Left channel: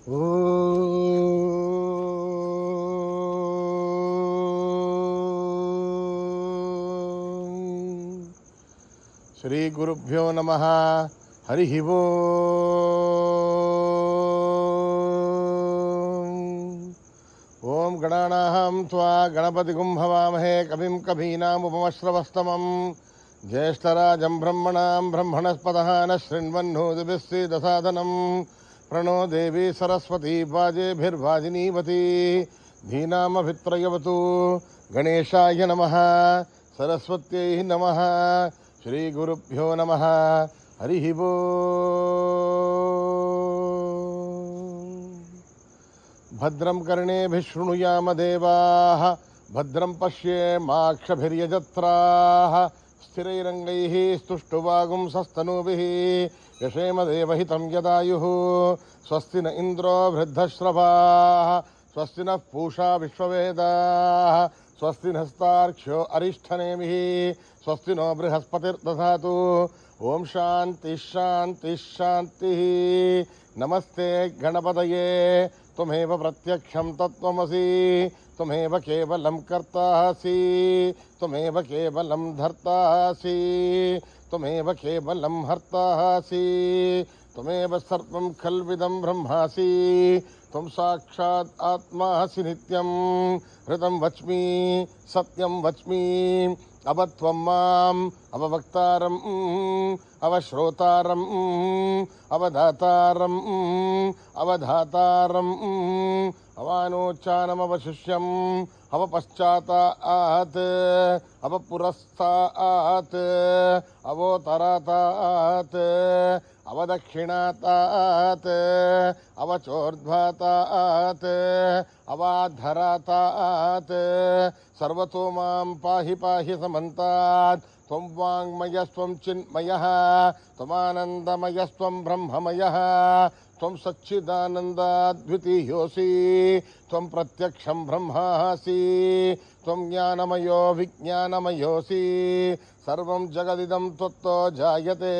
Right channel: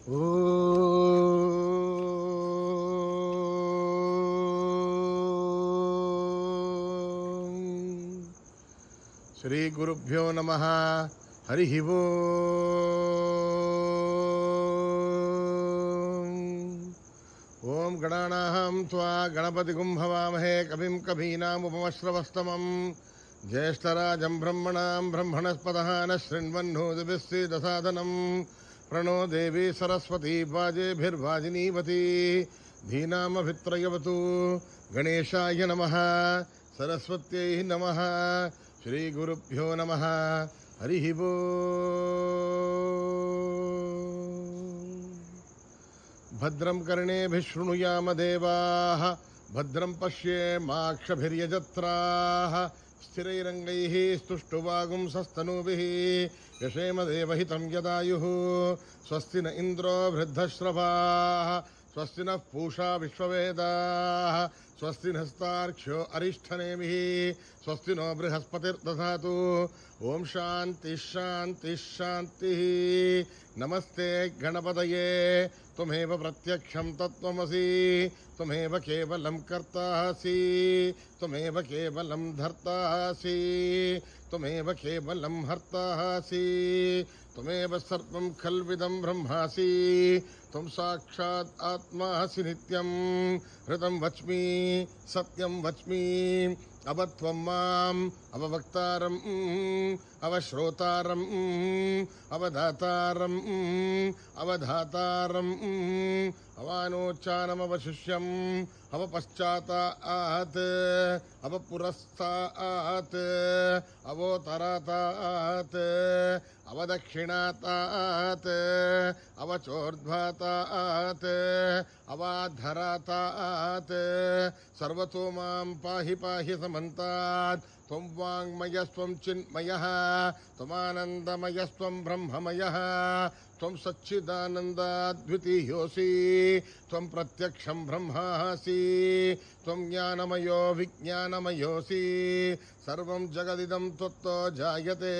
శ్రీ గురుభ్యో నమః. హరి ఓం గణానాహం త్వా గణపతిగుం భవామహే కవిం కవీనాముపమశ్రవస్తమం జ్యేష్ఠరాజం బ్రహ్మణాం బ్రహ్మణస్పతః న శృణ్వన్నోతిభిస్సీదసాదనం ప్రణో దేవీ సరస్వతీ వాజేభిర్వాజినీవతి ధీనామభిత్రయవతు. గణేశాయ నమః. సరస్వత్యై నమః. శ్రీ గురుభ్యో నమః. హరి భద్రం కర్ణేభిః శృణుయామ దేవాః భద్రం పశ్యేమాక్షభిర్యజత్రాః స్థిరైరంగైః స్తుష్టువాగుంసస్తనూభిః యశేమ దేవహితం యదాయుః. స్వస్తి న ఇంద్రో వృద్ధశ్రవాः స్వస్తి నః పూషా విశ్వవేదాः స్వస్తి నస్తార్క్ష్యో అరిష్టనేమిః స్వస్తి నో బృహస్పతిర్దధాతు. ఓం శాంతి శాంతి శాంతి. నమస్తే గణపతయే త్వమేవ ప్రత్యక్షం తత్వమసి త్వమేవ కేవలం కర్తాసి త్వమేవ కేవలం ధర్తాసి త్వమేవ కేవలం హర్తాసి త్వమేవ సర్వం ఖల్విదం బ్రహ్మాసి త్వం సాక్షాత్ ఆత్మాసి నిత్యం. హృతం వచ్మి సత్యం వచ్మి అవత్వం మాం అవవక్తారం అవశ్రోతారం అవధాతారం అవధాతారం అవానోచ్చానమవశిష్యం అవపశ్చాతాత్ అవపురస్తాత్ అవోతరాతాత్ అవదక్షిణాతాత్ అవచోర్ధ్వాతాత్ అవాధరాతాత్. సర్వతో మాం పాహి పాహి సమంతాత్. త్వం వాంగ్మయస్త్వం చిన్మయః త్వమానందమయస్త్వం బ్రహ్మమయః త్వం సచ్చిదానందాద్వితీయోసి త్వం ప్రత్యక్షం బ్రహ్మాసి త్వం జ్ఞానమయో విజ్ఞానమయోసి. సర్వం జగదిదం త్వత్తో జాయతే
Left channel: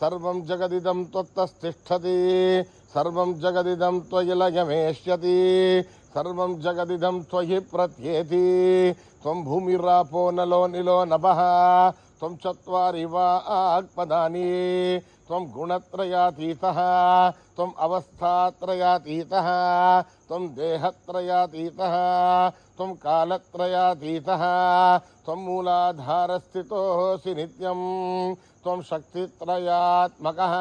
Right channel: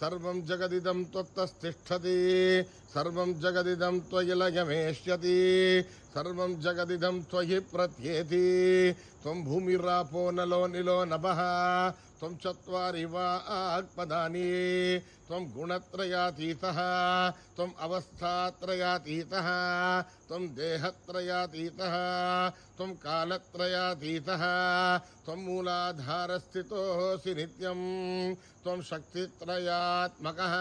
సర్వం జగదిదం త్వత్తస్థిష్ఠతి సర్వం జగదిదం త్వయి లయమేష్యతి సర్వం జగదిదం త్వయి ప్రత్యేతి. త్వం భూమిరాపో నలో నిలో నభః త్వం చత్వారి వాక్పదాని త్వం గుణత్రయాతీతః త్వం అవస్థాత్రయాతీతః త్వం దేహత్రయాతీతః త్వం కాలత్రయాతీతః త్వం మూలాధారస్థితోసి నిత్యం త్వం శక్తిత్రయాత్మకః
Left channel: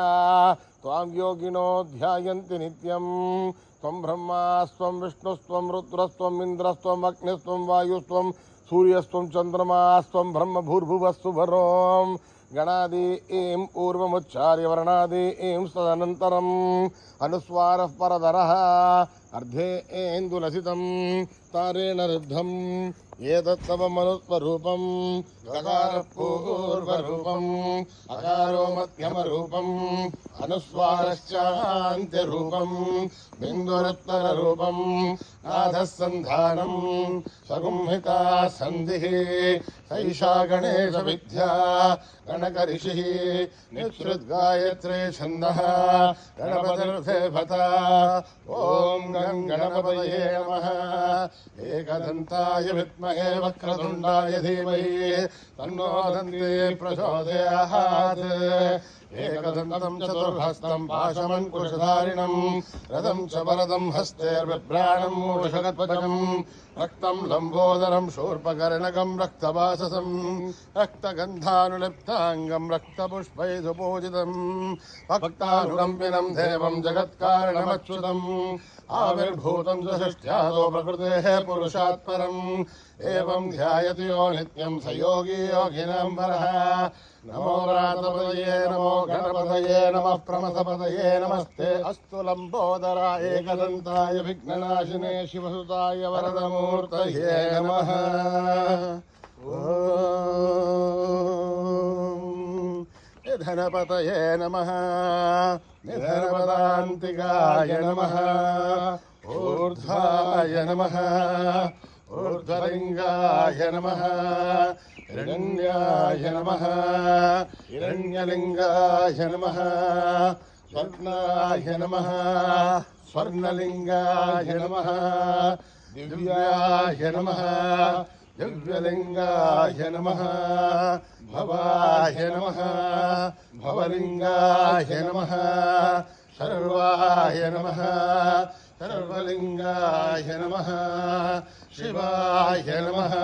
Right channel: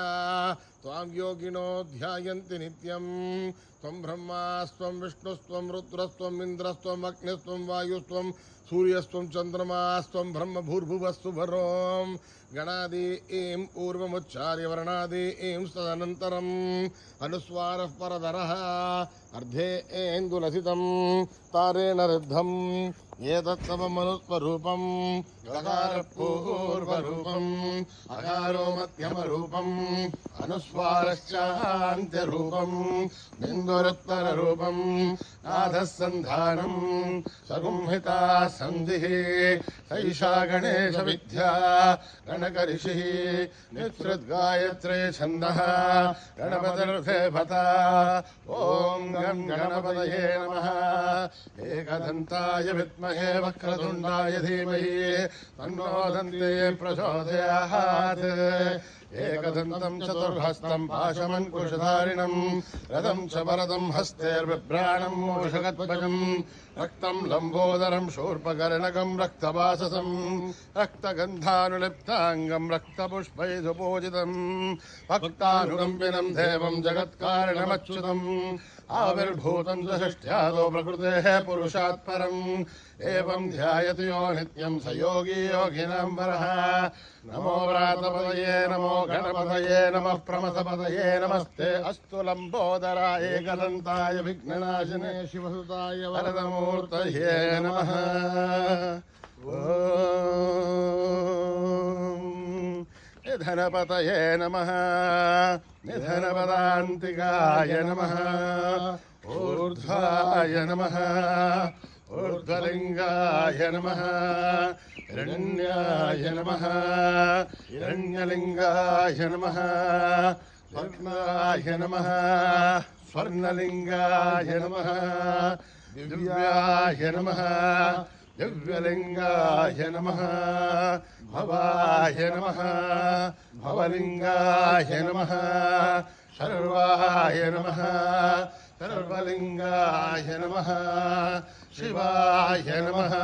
త్వాం యోగినో ధ్యాయంతి నిత్యం. త్వం బ్రహ్మాస్త్వం విష్ణుస్త్వం రుద్రస్త్వం ఇంద్రస్త్వం అగ్నిస్త్వం వాయుస్త్వం సూర్యస్త్వం చంద్రమాస్త్వం బ్రహ్మ భూర్భువస్సు వరోం. గణాది ఏం పూర్వముచ్చార్య వర్ణాది ఏం తదనంతరం అనుస్వారః పరదరః అర్ధే ఏందులసితం తారేణ రుద్ధం ఏతత్తవ మనుస్వరూపం గకార పూర్వరూపం అకారో మధ్యమరూపం అనుస్వారశ్చాంత్యరూపం బిందురుత్తరరూపం నాథస్సంధానం సగుంహితా సంధిః సైషా గణేశ విద్యా గణకరిషిః నిశ్రుద్గాయత్రే ఛందః గణపతిర్దేవత. ఓం గం గణపతయే నమః. ఏకదంతాయ విద్మహే వక్రతుండాయ ధీమహి తన్నో దంతే ప్రచోదయాత్. ఏకదంతం చతుర్హస్తం పాశమంకుశధారిణం రథం చ వరదం హస్తేర్బిభ్రాణం మూషకధ్వజం రక్తం లంబోదరం శూర్పకర్ణకం రక్తవాససం రక్తగంధానులిప్తాంగం రక్తపుష్పైధుపూజితం భక్తానుకంపినం దేవం జగత్కారణమచ్యుతం ఆవిర్భూతం సృష్ట్యాదో ప్రకృతేః పురుషాత్ పరం. ఏవం ధ్యాయతి యో నిత్యం స యోగీ యోగినాం వరః. నమో వ్రాతపదయే నమో గణపతయే నమః ప్రమథపదయే నమస్తే అస్తు లంబోదరాయ ఏకదంతాయ విఘ్ననాశినే శివసుతాయ వరదమూర్తయే నమః. ఓం నిధనపతయే నమః నిధనపదాంతికాయ నమః ఊర్ధ్వాయ నమః ఊర్ధ్వలింగాయ నమః హిరణ్యాయ నమః హిరణ్యలింగాయ నమః స్వర్ణాయ నమః స్వర్ణలింగాయ నమః దివ్యాయ నమః దివ్యలింగాయ నమః భవాయ నమః భవలింగాయ నమః సర్వాయ నమః సర్వలింగాయ నమః శివాయ నమః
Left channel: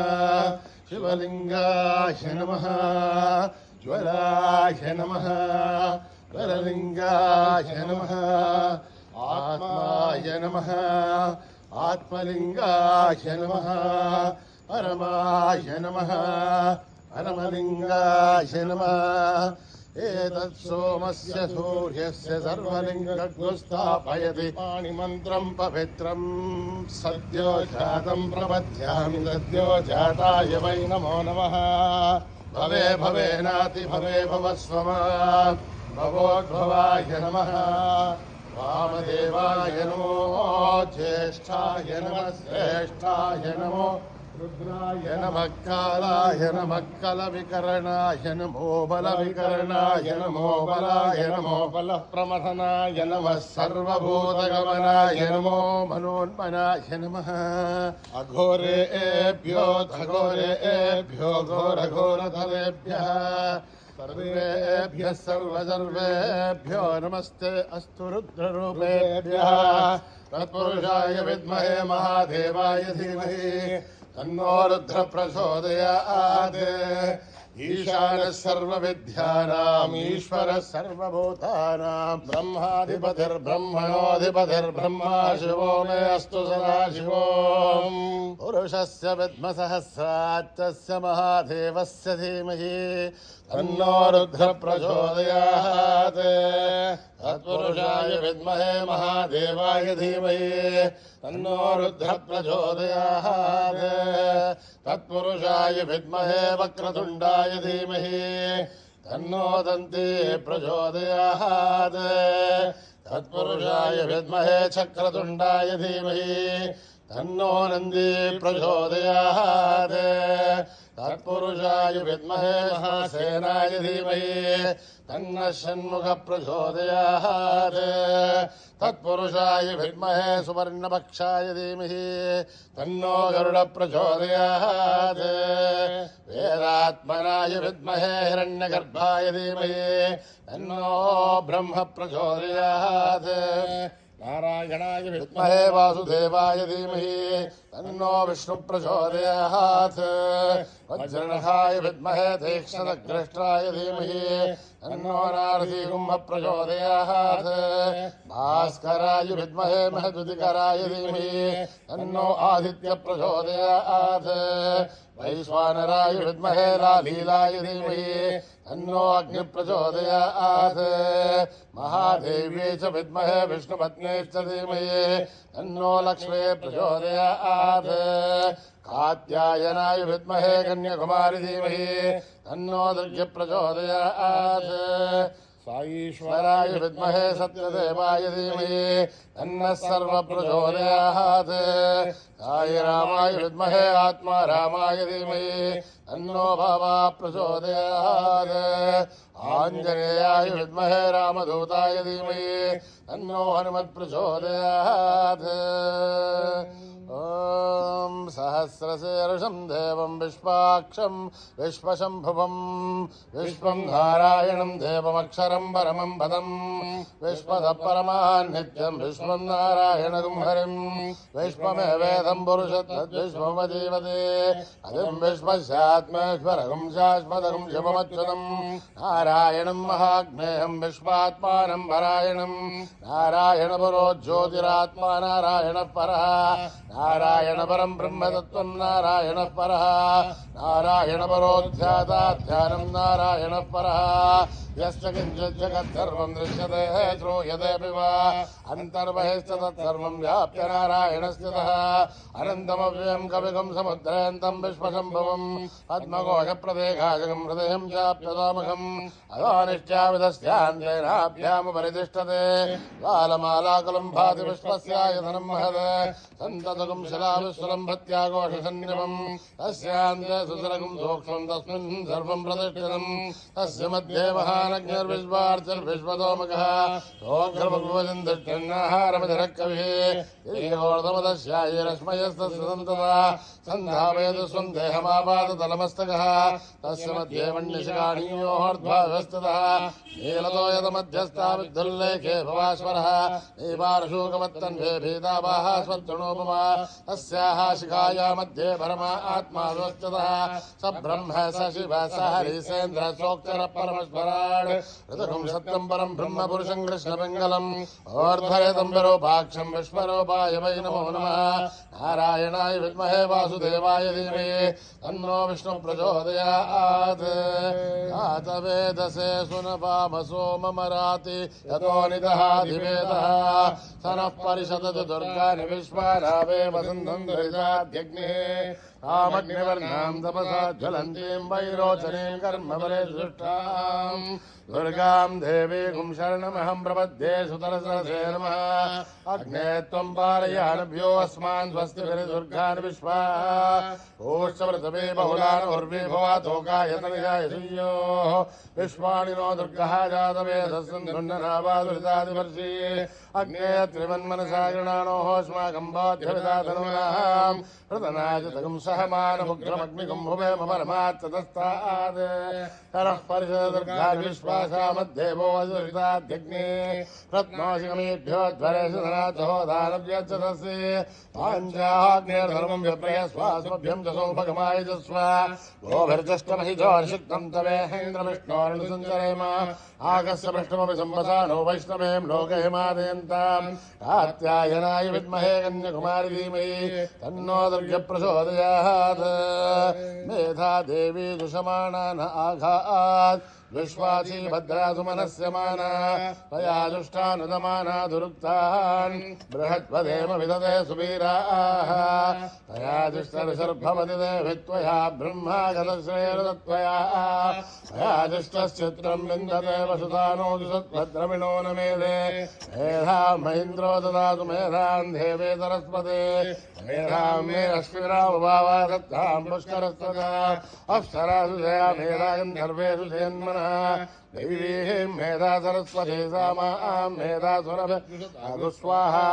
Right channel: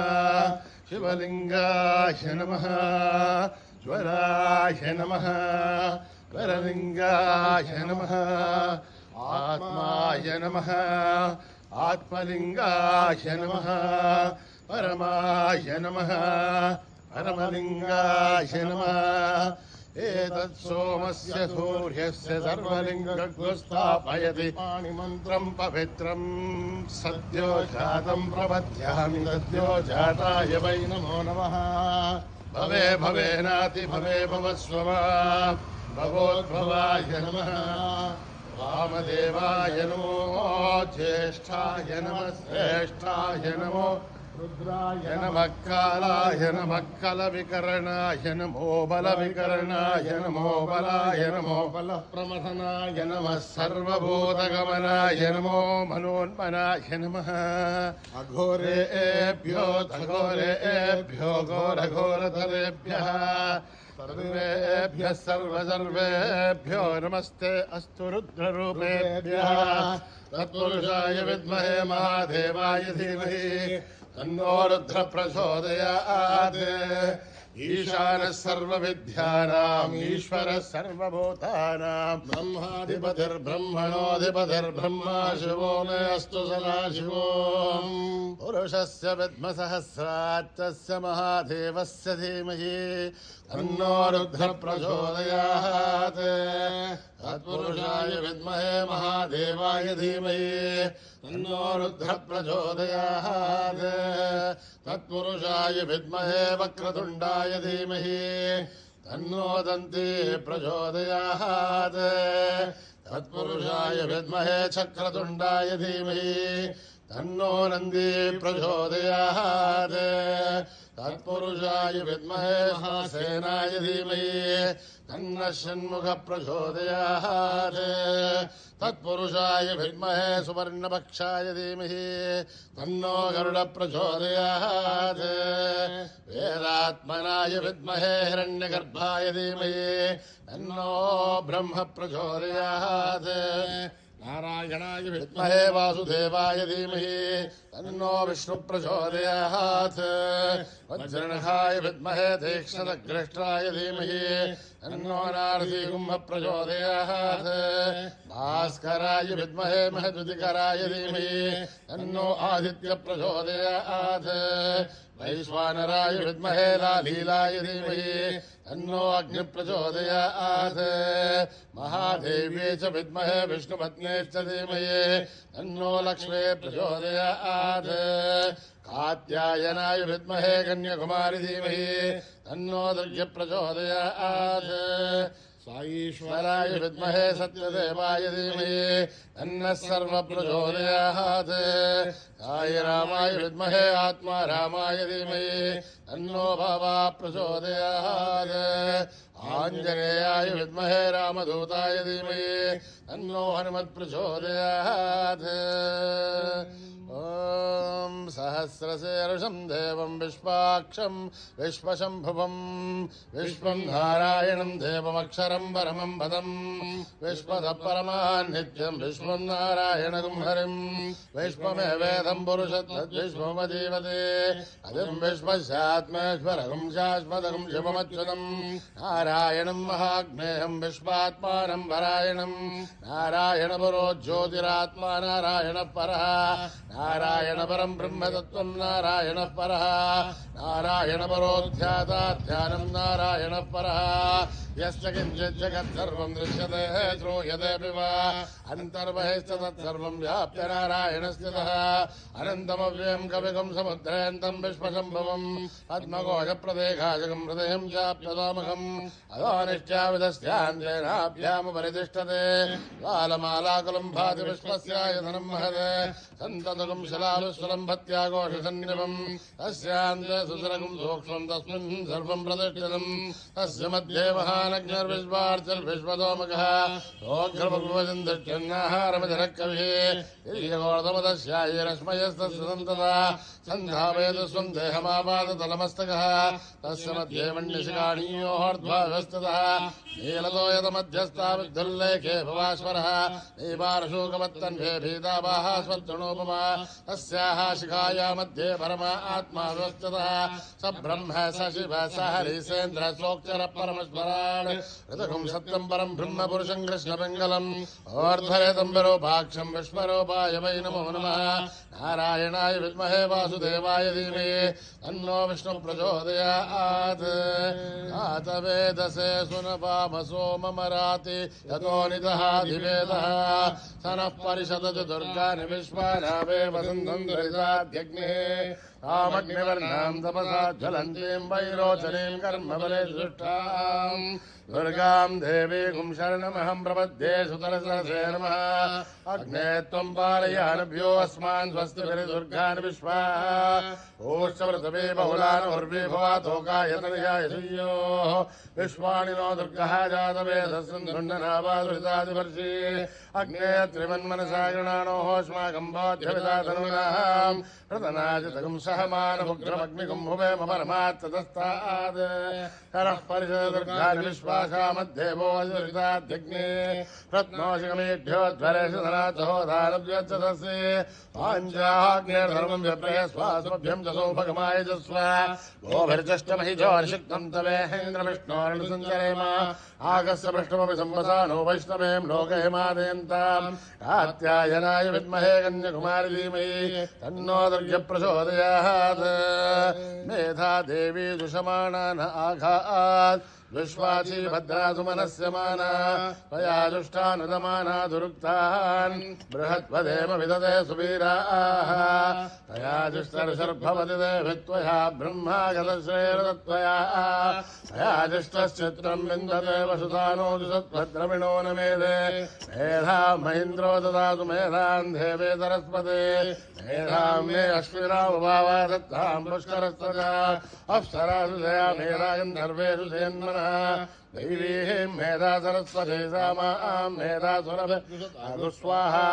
శివలింగాయ నమః జ్వరాయ నమః జ్వరలింగాయ నమః ఆత్మాయ నమః ఆత్మలింగాయ నమః పరమాయ నమః పరమలింగాయ నమః ఏతత్ సోమస్య సూర్యస్య సర్వలింగస్థాపయతి పాణిమంత్రం పవిత్రం సద్యో జాతం ప్రపద్యామి సద్యో జాతాయ వై నమో నమః భవే భవేనాతి భవే భవస్వమ భవోద్భవాయ నమః వామదేవాయ నమో జ్యేష్ఠాయ నమః శ్రేష్ఠాయ నమో రుద్రాయ నమః కాలాయ నమః కలవికరణాయ నమో బలవికరణాయ నమో బలాయ నమో బలప్రమథనాయ నమః సర్వభూతగమనాయ నమో మనోన్మనాయ నమః అఘోరేభ్యో ఘోరేభ్యో ఘోరఘోరతలేభ్యः सर्वेभ्यः सर्वसर्वेभ्यो नमस्ते अस्तु रुद्ररूपेभ्यः तत्पुरुषाय विद्महे महादेवाय धीमहि तन्नो रुद्र प्रचोदयात् ईशानः सर्वविद्यानाम् ईश्वरः सर्वभूतानां ब्रह्माधिपतिर्ब्रह्मणोऽधिपतिर्ब्रह्मा शिवो मे अस्तु सदा शिवो पुरुषस्य विद्मसहस्रात् तस्य महादेवस्य धीमहि तन्नो रुद्र प्रचोदयात् तत्पुरुषाय विद्महे महादेवाय धीमहि तन्नो रुद्र प्रचोदयात् तत्पुरुषाय विद्महे वक्रतुण्डाय धीमहि तन्नो दन्ती प्रचोदयात् तत्पुरुषाय विद्महे चक्रतुण्डाय धीमहि तन्नो नन्दी प्रचोदयात् तत्पुरुषाय विद्महे महासेनाय धीमहि तन्नः षण्मुख प्रचोदयात् तत्पुरुषाय विद्महे सुवर्णपक्षाय धीमहि तन्नो गरुड प्रचोदयात् वेदात्मनाय विद्महे हिरण्यगर्भाय धीमहि तन्नो ब्रह्म प्रचोदयात् नारायणाय विद्महे वासुदेवाय धीमहि तन्नो विष्णु प्रचोदयात् वज्रनखाय विद्महे तीक्ष्णदग्रष्ट्राय धीमहि तन्नो नारदीकुम्भ प्रचोदयात् भास्कराय विद्महे महद्युतिकराय धीमहि तन्नो आदित्य प्रचोदयात् वैश्वानराय विद्महे लालीलाय धीमहि तन्नो अग्नि प्रचोदयात् महादेव्यै च विद्महे विष्णुपत्न्यै च धीमहि तन्नो लक्ष्मी प्रचोदयात् कात्यायनाय विद्महे कन्याकुमारी धीमहि तन्नो दुर्गे प्रचोदयात् साईश्वराय विद्महे सत्यदेवाय धीमहि तन्नः सर्व प्रचोदयात् साई रामाय विद्महे आत्मा रामाय धीमहि तन्नो भवा प्रचोदयात् आञ्जनेयाय विद्महे रामदूताय धीमहि तन्नो हनुमत् प्रचोदयात् ॐ सहस्रशीर्षं देवं विश्वाक्षं विश्वशम्भुवं विश्वं नारायणं देवमक्षरं परमं पदं विश्वतः नित्यं विश्वं नारायणं हरिं विश्वमेवेदं पुरुषत्वद्विश्वमजीवते अधिं विश्वस्यात्मेश्वरं शाश्वतं शिवमच्युतं नारायणं महाग्नेयं विश्वात्मानं परायणं नारायणपरो ज्योतिरात्मा नारायणः परः नारायण परं ब्रह्मतत्त्वं नारायणः परः नारायण परोध्याता ध्यानं नारायणः परः यस्य किञ्चित् जगत्सर्वं दृश्यते श्रूयतेऽपि वा अन्तर्बहिश्च तत्सर्वं व्याप्य नारायणस्थितः अनन्तमव्ययं कविगं समुद्रेऽन्तं विश्वशम्भवं पद्मकोशप्रदेकाशकं हृदयं चाप्यतामकम् अदानिश्चाविधस्यान्तेनाभ्यामुपरितिष्ठते बालमालाकुलं भाति विश्वस्यायतनं महत् सन्ततकं शिलाविस्वलम्भत्याघोषसन्निभम् तस्यान्ते सुसरगम् सूक्ष्मम् तस्मिन् सर्वम् प्रतिष्ठितम् तस्य मध्ये महानग्निर्विश्वार्चिर्विश्वतोमुखः सोऽग्रभगवजन्तिष्ठन्नाहारमधिरः कविः ईर्षोर्धमदस्यायिरश्मयस्तस्य सन्तता सन्धावेद स्वम् देहमापादतलमस्तकः तस्य मध्ये मण्यशिखाणीयोर्ध्वा व्यवस्थितः नीलतो यतमध्यस्था विद्धुल्लेखे भवाश्वरः नीपारशोकवत्तन्वे भीतावाः स्वतृणोपमा तस्याः शिखाया मध्ये परमा आत्मा व्यवस्थितः स ब्रह्म स शिव स हरिसेन्द्र सोऽक्षर परमस्वराट् ऋतुम् सत्यम् परम् ब्रह्म पुरुषम् कृष्णपिङ्गलम् ओर्ध्वरेतम्बरोपाक्षम् विश्वरूपाय वै नमो नमः नारायणाय विद्महे वासुदेवाय धीमहि तन्नो विष्णुः प्रचोदयात् जातवेदसे सुनपामसो ममराति यतो निदहाधिवेदः स नः परिषदतु दुर्गानि विश्वानावे वसन्तम् दरिताद्यग्निः तामग्निवर्णाम् तपसा ज्वलन्तीम् वैरोचनीम् कर्मबले दृष्टाम् दुर्गाम् देवीगुम् शरणमहम् प्रपद्ये सुतरसरसे नमः अग्ने त्वम् पारयानभ्यो अस्मान् स्वस्तिभिर्दुर्गान् विश्वा ओष्टव्रतमे बहुलानोर्वे भवातोकायतनिजाय श्रियोः विश्वाणि नो दुर्गः जातवेदस्सन्धुण्डनावादुरितादिवर्षि अग्ने त्रिमन्मनसा गृणानोः अस्माकम् बाध्यविदातनूनाम् प्रतनाजितगम् सहमानमुग्रमग्निगम् भुवेम परमात्ततस्तात् करः परिषदुर्गानि विश्वासा मध्येवो दुरिताद्यग्ने रत्नोशिगमेभ्यो ध्वरेषु धनाथो दानव्यच्छतस्य पाञ्चाग्नेर्धर्मम् व्यप्रयस्वास्मभ्यम् च सौभगमाय जस्व गोभिर्जष्टमहिजो निषिक्तम् तवेहेन्द्रविष्णोर्नुसञ्चरेम आगस्य पृष्ठमपि सम्पदानो वैष्णवेम् लोकहिमादयन्ताम् कात्यायनाय विद्महे कन्याकुमारी धीमहि तन्नो दुर्गप्रचोदयात् मेधा देवी दुषमाणान आघात् विश्वाची भद्रासुमनस्य माना त्वया दुष्टानुदमाना दुरुक्तान् बृहद्वदेम विदते सुवीराः तया दुष्टर्षर्भवति देभित्वया ब्रह्मागतश्रेरदत्वया तया दुष्टश्चित्रम् विन्दते वसुधानो दुसद्भद्रमिणो न मेधे मेधाम् महीन्द्रो ददातु मेधाम् देवे सरस्वते मेधाम् मे अश्विनावभावा दत्ताम् पुष्करस्तदा अप्सरासु दया मेधा गन्धर्वेषु सेन्मनः दैवीः मेधा सरस्वती सामाम् मेधासुरभिर्दु स्वाहा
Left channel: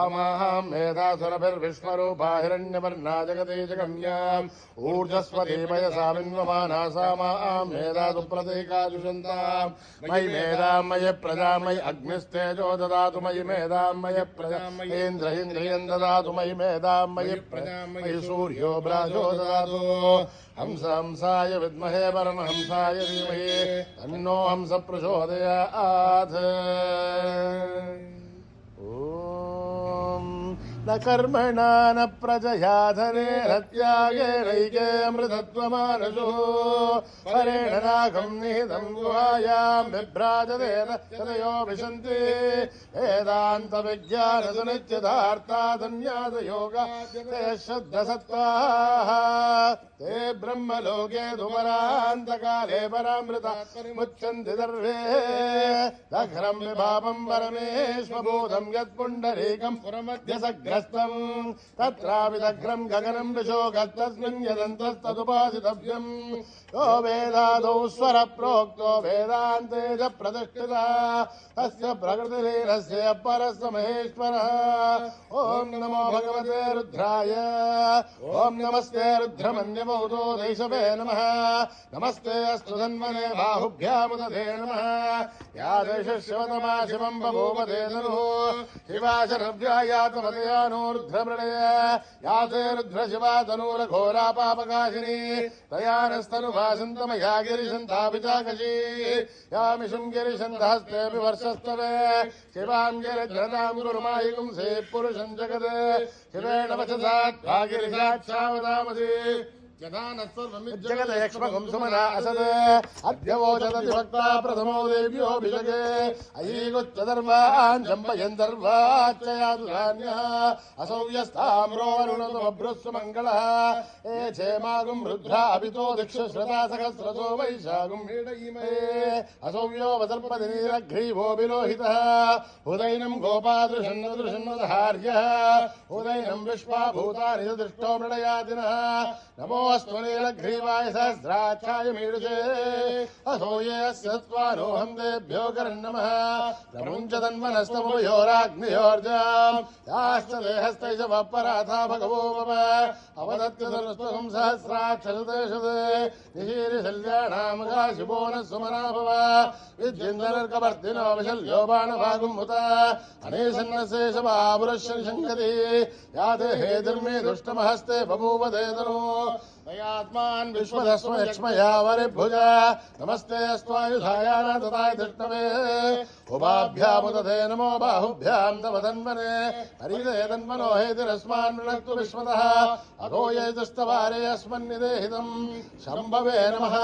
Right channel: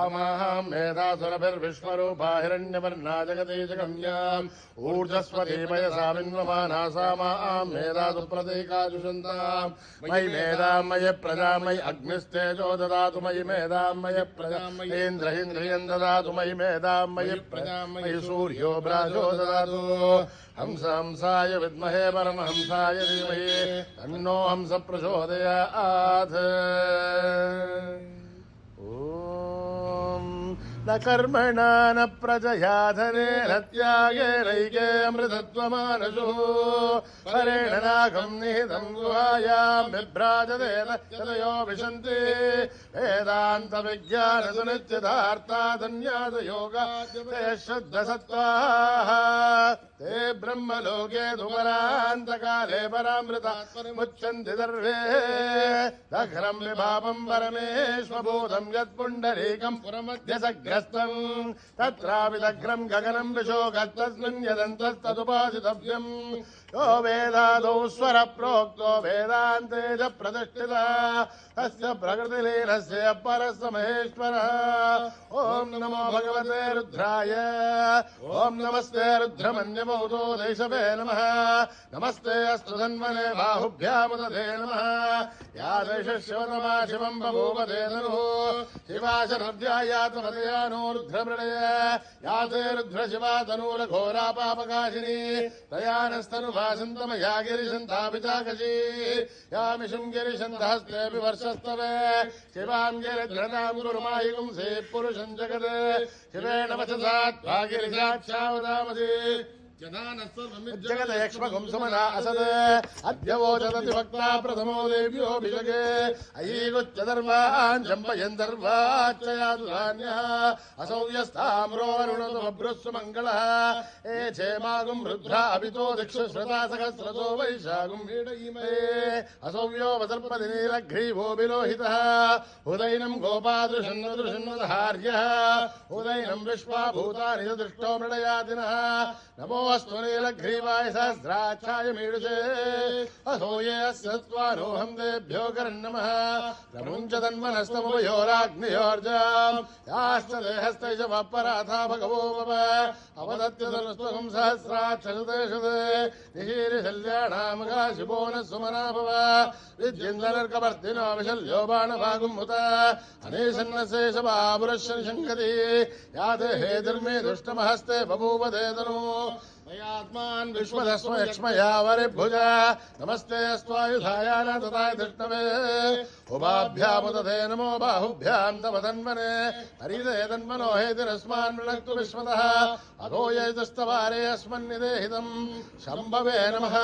आमाम् मेधासुरभिर्विश्वरूपा हिरण्यवर्णा जगती जगम्याम् ऊर्जस्वती पयसा विन्वमाना सामाम् मेधासु प्रतीकाजुषन्ताम् मयि मेधाम् मयि प्रजा मयि अग्निस्तेजो ददातु मयि मेधाम् मयि प्रजा इन्द्रियम् ददातु मयि मेधाम् मयि प्रजा मयि सूर्यो ब्राजो ददातु हंस हंसाय विद्महे परमहंसाय धीमहि तन्नो हंस प्रचोदयात् न कर्मणा न प्रजया धनेन त्यागेनैके अमृतत्वमानसो हरेण नागम् निहितम् गुहायाम् बिभ्राजतेन यतयो विशन्ति वेदान्तविज्ञानसुनित्यथार्था सन्न्यासयोगा ते शुद्धसत्त्वाः ते ब्रह्मलोके धुमरान्तकाले परामृता मुच्यन्ति सर्वे दघ्रम् विभावम् परमेश्वभूतम् यत्पुण्डरीकम् पुरमध्यसग्रस्तम् तत्रापि दघ्रम् गगनम् विशोकस्तस्मिन् यदन्तस्तदुपासितव्यम् यो वेदादौ स्वर प्रोक्तो वेदान्ते च प्रतिष्ठिता तस्य प्रकृतिलीनस्य परस्य महेश्वरः ॐ नमो भगवते रुद्राय ॐ नमस्ते रुद्रमन्यमौतो देशवे नमः नमस्ते अस्तु धन्वने बाहुभ्यामुदधे नमः या देशशिवतमा शिवम् बभूव ते ननुः शिवा शरव्यायातमतया नो रुद्रमृणय या ते रुद्रशिवा तनूलघोरा पापकाशिनी तया नस्तनुभासन्तमया गिरिशन्तापिताकशी यामिषुम् गिरिशन्तहस्तेऽपि वर्षस्तवे शिवाम् गिरिधृताम् गुरुमायुगुम् से पुरुषम् जगत् शिवेण वचसा त्वा गिरिजाक्षावदामसि जगदयक्ष्मगुं सुमना असद अद्यवोचदति भक्ता प्रथमो देव्योऽभिषगे अयीगुच्चदर्वान् जम्पयन्दर्वाच्चयादुधान्यः असौव्यस्ताम्रो अरुणतु बभ्रुस्सु मङ्गलः ए क्षेमागुं रुद्रा अभितो दिक्षुश्रता सहस्रसो वैशागुं वीडयिमे असौव्यो वसर्पतिनीलग्रीवो विलोहितः उदैनं गोपादृशन्नुदृशन्नुदहार्यः उदैनं विश्वाभूतानि दृष्टो मृडयादिनः नमोऽस्तु नीलग्रीवाय सहस्राक्षाय मीडुषे असौयस्य त्वानोऽहं देभ्यो करन्नमः प्रमुञ्चतन्मनस्तमुभयोराग्नियोर्जाम् याश्च देहस्तैष वपराथा भगवो मम अवदत्यतनुस्त्वहं सहस्राक्षसुते निशीरिशल्याणामुखाशिवो न सुमना भव विद्यन्दनर्कवर्तिनो विशल्यो बाणभागुमुत अनेशन्नशेषबाबुरश्शनिशङ्कति याते हेतिर्मे दुष्टमहस्ते बभूव देतनो दयात्मान् विश्वधस्म यक्ष्मया वरिभुज नमस्ते अस्त्वायुधायान तथाय धृष्णवे उभाभ्यामुदधे नमो बाहुभ्यां तव तन्मने हरिदे तन्मनो हेतिरस्मान् वृणक्तु विश्वतः अधो यैतस्तवारे अस्मन्निदेहितम् शम्भवे नमः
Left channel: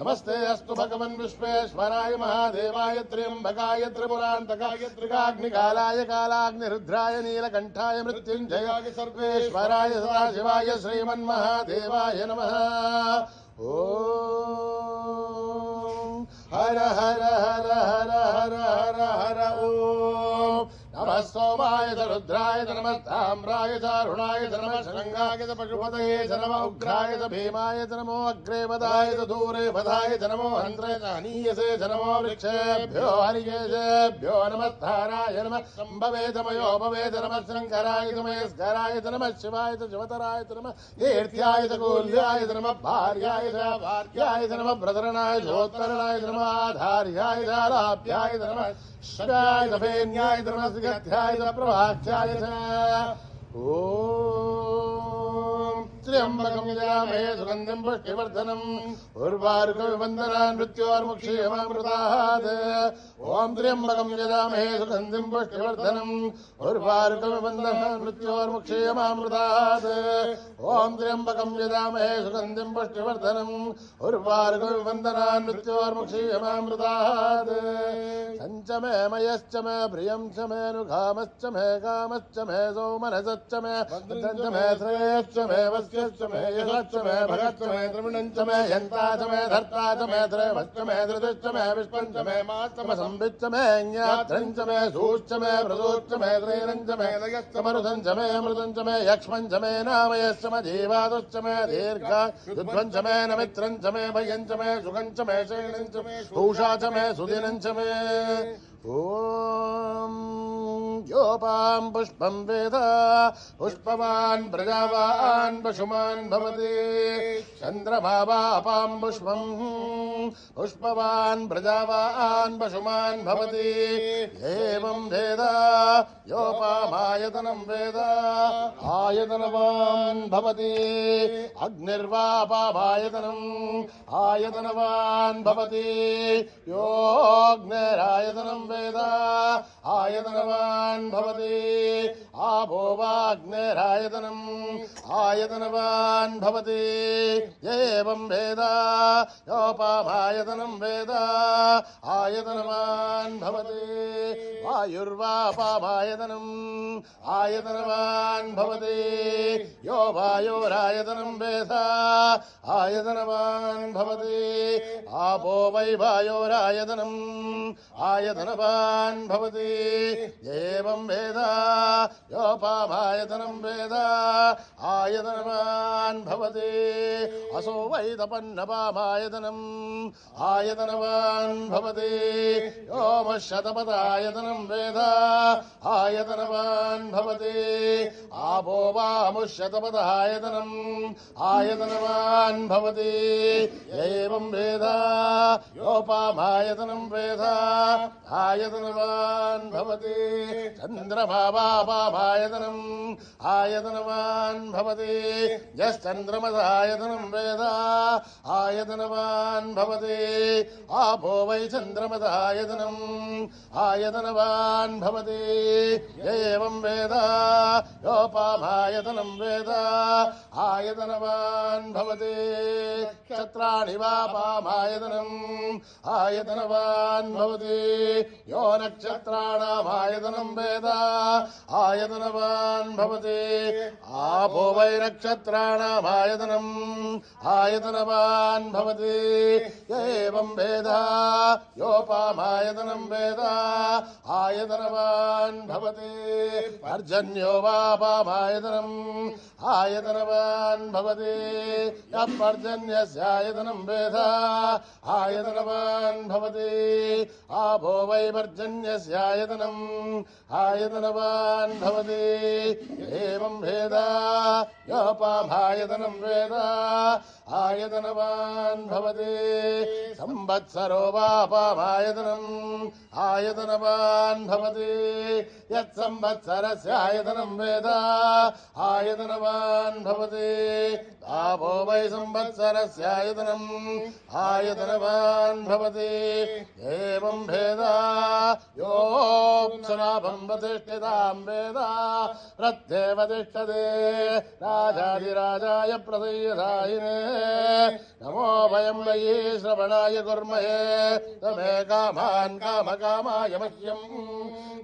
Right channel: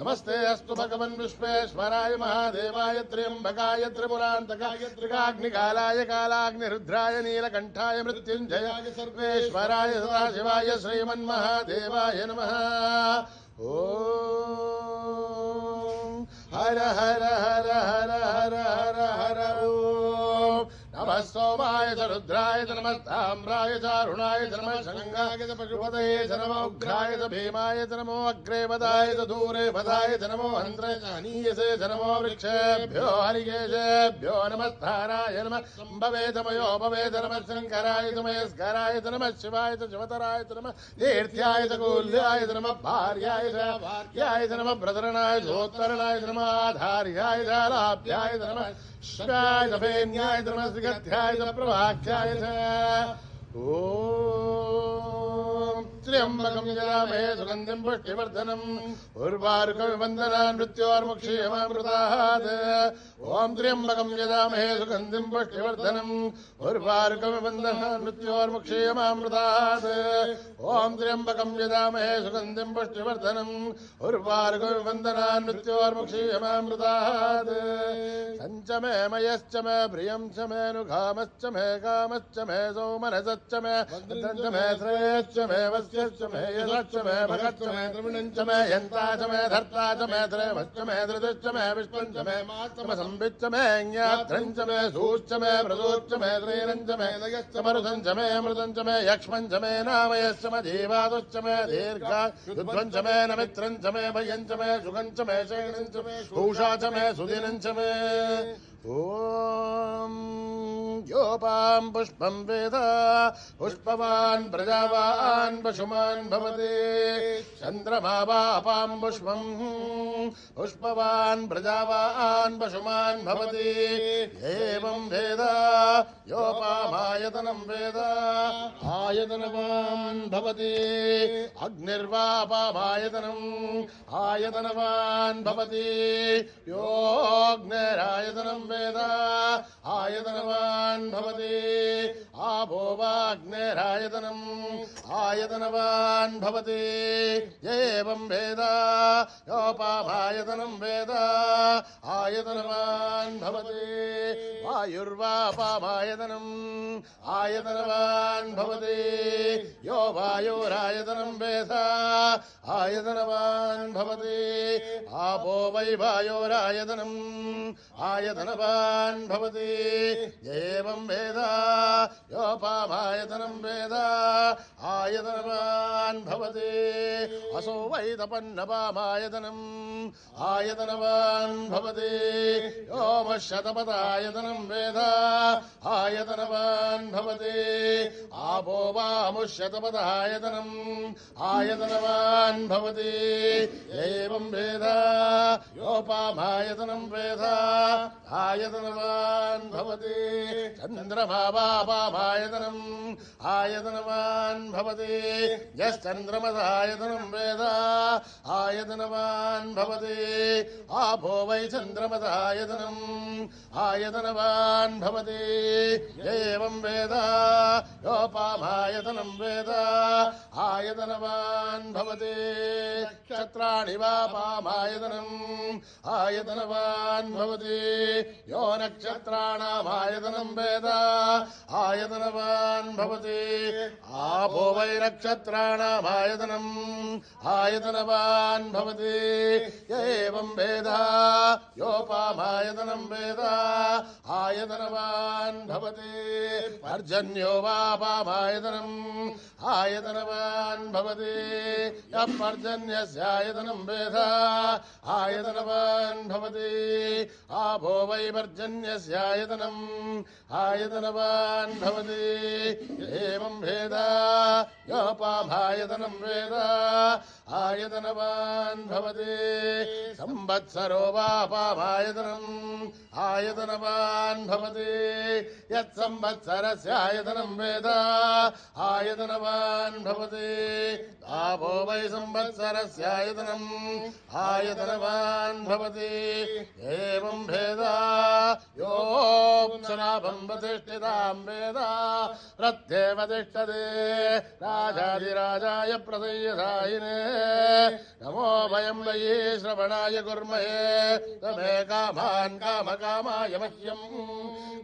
नमस्ते अस्तु भगवन् विश्वेश्वराय महादेवाय त्र्यम्बकाय त्रिपुरान्तकाय त्रिकाग्निकालाय कालाग्निरुद्राय नीलकण्ठाय मृत्युञ्जयाय सर्वेश्वराय सदाशिवाय श्रीमन्महादेवाय नमः ॐ हर हर हर हर हर हर हर ॐ नमः सोमाय च रुद्राय च नमः ताम्राय च अरुणाय च नमः शङ्गाय च पशुपतये च नमः उग्राय च भीमाय च नमो अग्रे वदाय च दूरे वदाय च नमो हन्त्रे च हनीयसे च नमो वृक्षेभ्यो हरिकेशेभ्यो नमस्ताराय नमः शम्भवे च मयोभवे च नमः शङ्कराय च महेश्वराय च नमः शिवाय च शिवतराय च नमः कीर्त्याय च कूल्याय च नमः भार्याय च नमः प्रधरणाय चोत्तरणाय च नमः आधार्याय च लाभ्याय च नमः शिवाय च फेन्याय च नमः सिगध्याय च प्रभाख्याय च ॐ त्र्यम्बकं यजामहे सुगन्धिं पुष्टिवर्धनम् उर्वारुकमिवन्दनान् मृत्योर्मुक्षीयमामृतात् ॐ त्र्यम्बकं यजामहे सुगन्धिं पुष्टिवर्धनम् उर्वारुकमिवन्दनान् मृत्योर्मुक्षीयमामृतात् ॐ त्र्यम्बकं यजामहे सुगन्धिं पुष्टिवर्धनम् उर्वारुकमिवन्दनान् मृत्योर्मुक्षीयमामृतात् सञ्च मे मयश्च मे प्रियं च मे नुघामश्च मे कामश्च मे सौमनसश्च मे मे श्रेयश्च मे वस्यश्च मे यशश्च मे भगश्च मे त्रिगुणञ्च मे यन्ता च मे धर्ता च मे त्रयवश्च मे धृतिश्च मे विष्णुञ्च मे माश्च मे संविच्च मे ज्ञात्रञ्च मे सूश्च मे प्रसूश्च मे त्रैरञ्च मे दयश्च मरुदञ्च मे अमृतञ्च मे यक्ष्मञ्च मे नामयश्च मे जीवादुश्च मे दीर्घ मे नमित्रञ्च मे भयञ्च मे सुगञ्च मे शैणञ्च मे पूषा च मे सुदिनञ्च मे ॐ योपां पुष्पं वेद पुष्पवान् प्रजावान् पशुमान् भवति चन्द्रमा वापां पुष्पं पुष्पवान् प्रजावान् पशुमान् भवति एवं वेद योपामायतनं वेद आयतनवान् भवति अग्निर्वापामायतनम् आयतनवान् भवति योऽग्निरायतनं वेद आयतनवान् भवति आपो वाग्नेरायतनम् आयतनवान् भवति एवं वेद योपामायतनं वेद आयतनवान् भवति वायुर्वापामायतनम् आयतनवान् भवति यो वायुरायतनं वेद आयतनवान् भवति आपो वै वायुरायतनम् आयतनवान् भवति एवं वेद योपामायतनं वेद आयतनवान् भवति असो वै तपन्नपामायतनम् आयतनवान् भवति योमशतपदायतनं वेद आयतनवान् भवति आपो वामुष्यतपदायतनम् आयतनवान् भवति एवं वेद योपामायतनं वेद आयतनवान् भवति चन्द्रमा वापामायतनम् आयतनवान् भवति यश्चन्द्रमसायतनं वेद आयतनवान् भवति आपो वै चन्द्रमसायतनम् आयतनवान् भवति एवं वेद योपामायतनं वेद आयतनवान् भवति नक्षत्राणि वापामायतनम् आयतनवान् भवति यो नक्षत्राणामायतनं वेद आयतनवान् भवति आपो वै नक्षत्राणामायतनम् आयतनवान् भवति एवं वेद योपामायतनं वेद आयतनवान् भवति पर्जन्यो वापामायतनम् आयतनवान् भवति यः पर्जन्यस्यायतनं वेद आयतनवान् भवति आपो वै पर्जन्यस्यायतनम् आयतनवान् भवति एवं वेद योपामायतनं वेद आयतनवान् भवति संवत्सरो वापामायतनम् आयतनवान् भवति यत्संवत्सरस्यायतनं वेद आयतनवान् भवति आपो वै संवत्सरस्यायतनम् आयतनवान् भवति एवं भेद योऽप्सराभं वतिष्ठितां वेद प्रत्येव तिष्ठते राजाधिराजाय प्रदय्यदायिने नमो वयं वै श्रवणाय कुर्महे तमे कामान् कामकामाय मह्यम्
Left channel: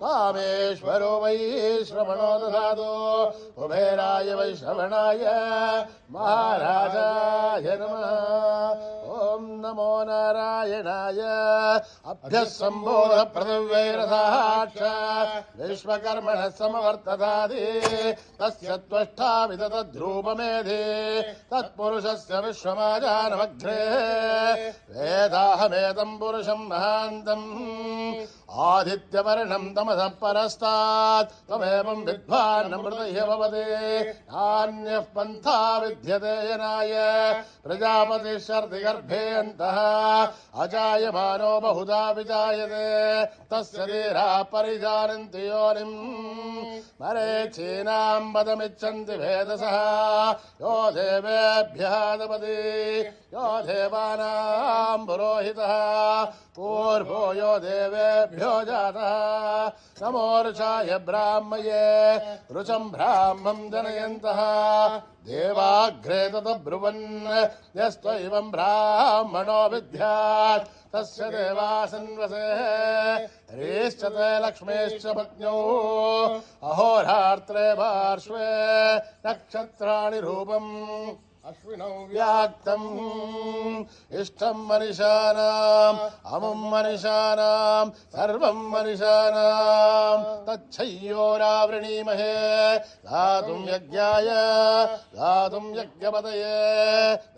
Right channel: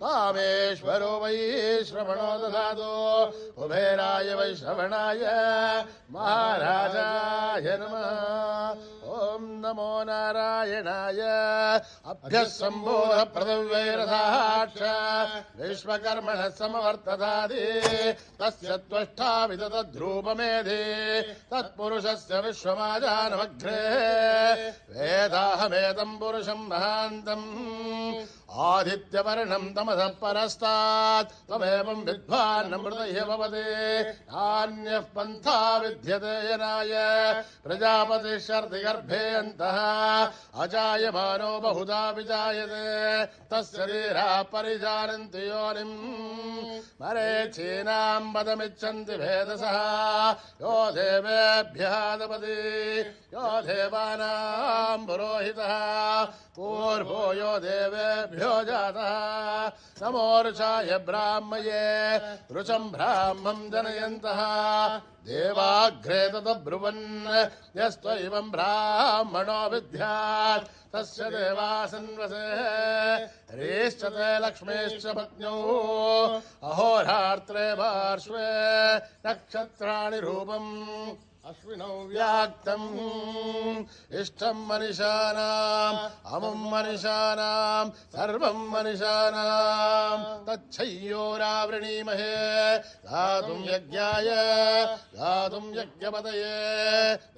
कामेश्वरो वै श्रवणो ददातु कुबेराय वै श्रवणाय महाराजाय नमः। ॐ नमो नारायणाय अभ्यः सम्बोध पृथिव्यैरसाक्ष विश्वकर्मणः समवर्ततादि तस्य त्वष्टा विदतद्रूपमेधि तत्पुरुषस्य विश्वमाजानमग्रे वेदाहमेतं पुरुषं महान्तम् आदित्यवर्णं तमसः परस्तात् त्वमेवं विद्वान्नमृतैः भवति अन्यः पन्था विद्यते यनाय प्रजापतिश्चर्तिगर्भे अन्तः अजायमानो बहुधा विजायते तस्य धीराः परिजानन्ति योनिम् मरीचीनां पदमिच्छन्ति भेदसः यो देवेभ्यः दपति यो देवानां पुरोहितः पूर्वो यो देवेभ्यो जातः नमोर्षाय ब्राह्मये रुचं ब्राह्मं जनयन्तः देवाग्रे तद्ब्रुवन् यस्त्वैवं ब्राह्मणो विद्यात् तस्य देवासन्वसे ह्रीश्च ते लक्ष्मीश्च पत्न्यौ अहोरात्रे पार्श्वे नक्षत्राणि रूपम् अश्विनौ व्याक्तम् इष्टं मनिषाणाम् अमुं मनिषाणाम् सर्वं मनिषाणाम् तच्छय्योरावृणीमहे गातुं यज्ञाय गातुं यज्ञपतये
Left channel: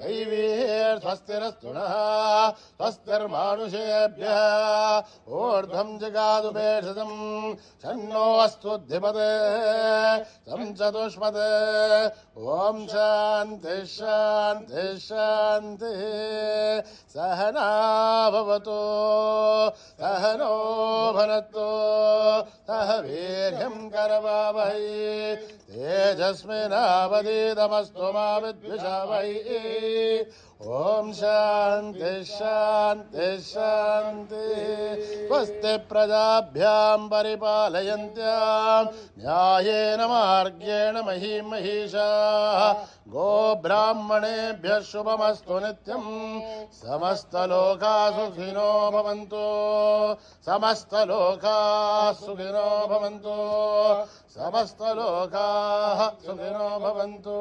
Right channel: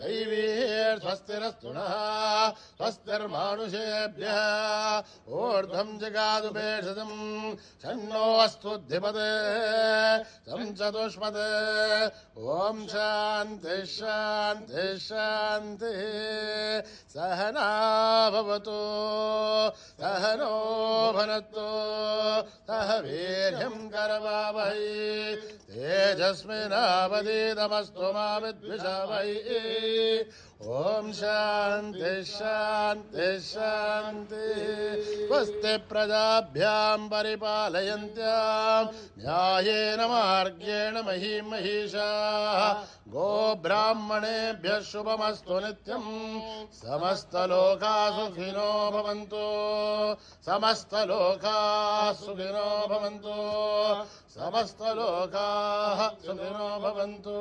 दैवीर्स्वस्तिरस्तु नः स्वस्तिर्मानुषेभ्यः ऊर्ध्वं जगातु भेषजम् षण्णो अस्तुद्धिपते तं चतुष्पदे ॐ शान्ति शान्ति शान्तिः सहना भवतु सहनो भुनक्तु सह वीर्यं करवावहै तेजस्विनावधीतमस्तु मा विद्विषावहै ॐ शान्ति शान्ति शान्ति स्वस्ति प्रजाभ्यां परिपालयन्त्यां न्यायेन मार्गेण महीं महिषाः गोब्राह्मणेभ्यः शुभमस्तु नित्यम् समस्तलोकाः सुखिनो भवन्तु समस्तलोकाः सुखिनो भवन्तु समस्तलोकाः सुखिनो भवन्तु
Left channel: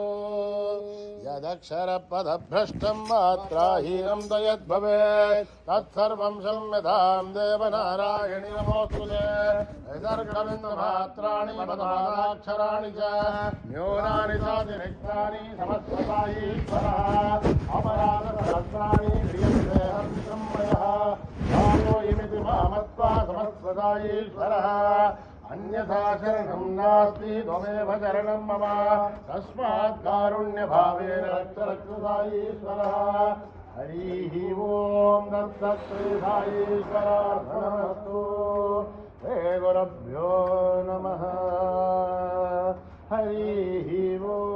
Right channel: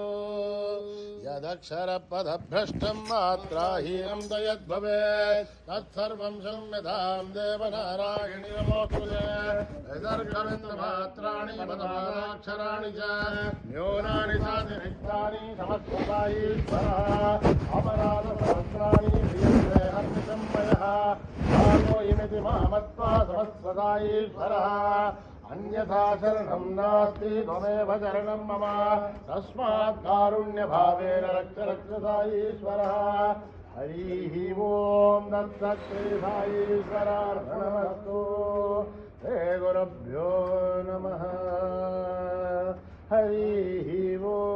यदक्षरपदभ्रष्टं मात्राहीनं यद्भवेत् तत्सर्वं संविधां देवनारायणि नमोऽस्तुते यदर्घविन्दमात्राणि पदपादाक्षराणि च न्यूनानि चातिरिक्तानि समस्तसायीश्वरः अपराधसहस्राणि क्रियन्ते हर्षसंमयः सर्वोऽयमिति मामत्वा समस्तसायीश्वरः अन्यथा शरणं नास्ति त्वमेव शरणं मम तस्मात् कारुण्यभावेन रक्ष साईश्वरः हरिः ओं तत्सत् साईश्वरार्पणमस्तु శ్రీ గురుభ్యో నమః. హరి ఓం.